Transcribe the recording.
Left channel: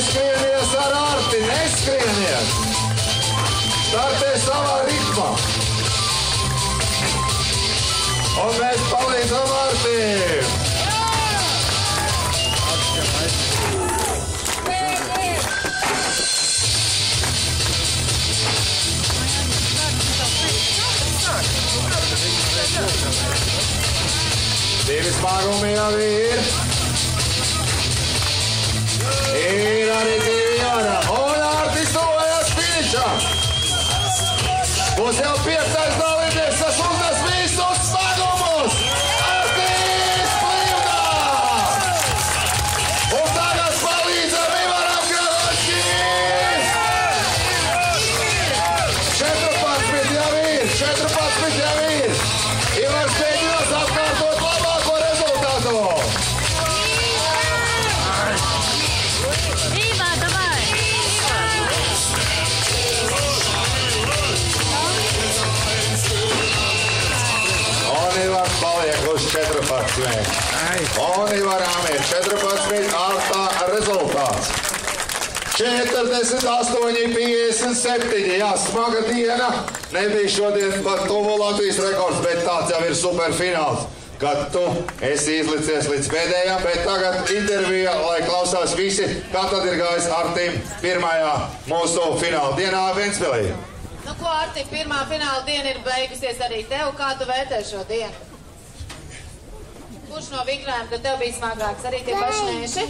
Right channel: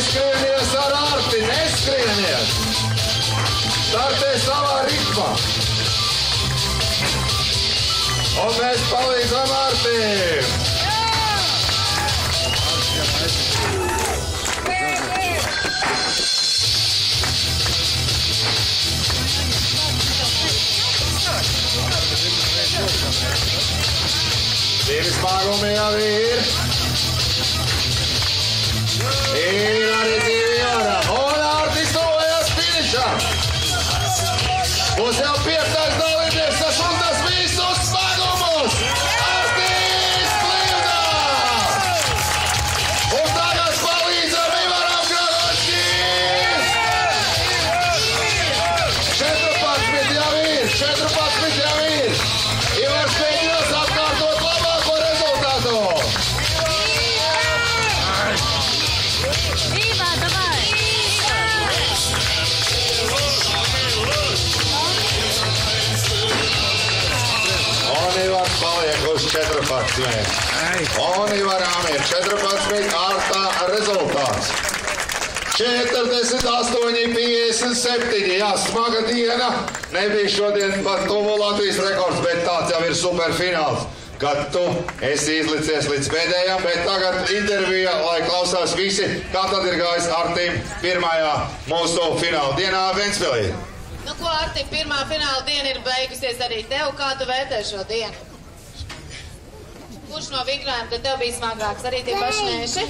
Neskrienies ar Arti, neskrienies! Startē savā ritmā! Un mēs palīdzam Artim! Divi spārumi jau ir. Ir arī divi ārā. Un Artis tuvojas finišam. Būs jau 5. dalībnieks, kas uznes visus smagumus. Artis Plivnā. Un tagad palīdzam Ivaram Galačīs. 14 jau ir. 14 jau ir. Ivars mēģinās atkārtot labāko rezultātu. Iva, davai! Un Ivars paliek uz 14. Un Ivaram ir 14 ārtā rezultāts. 48, 57. Jā, smaga diena. Nebija šodien pat tuvu Latvijas rekords, bet tāds jau ir superfināls, kad tu esi izlicies līdz pēdējām, bet tagad intervija, lai klausās visi, kā tad ir gājis Artim pirmajā mūsu fināla dienā Ventspilī. Nu ko, Arti, pirmā fināla diena ir beigusies arī tev. Kā tu vērtē šo dienu? Kurš no vingrājiem tad tev bija smagāks? Arī tie paši neši?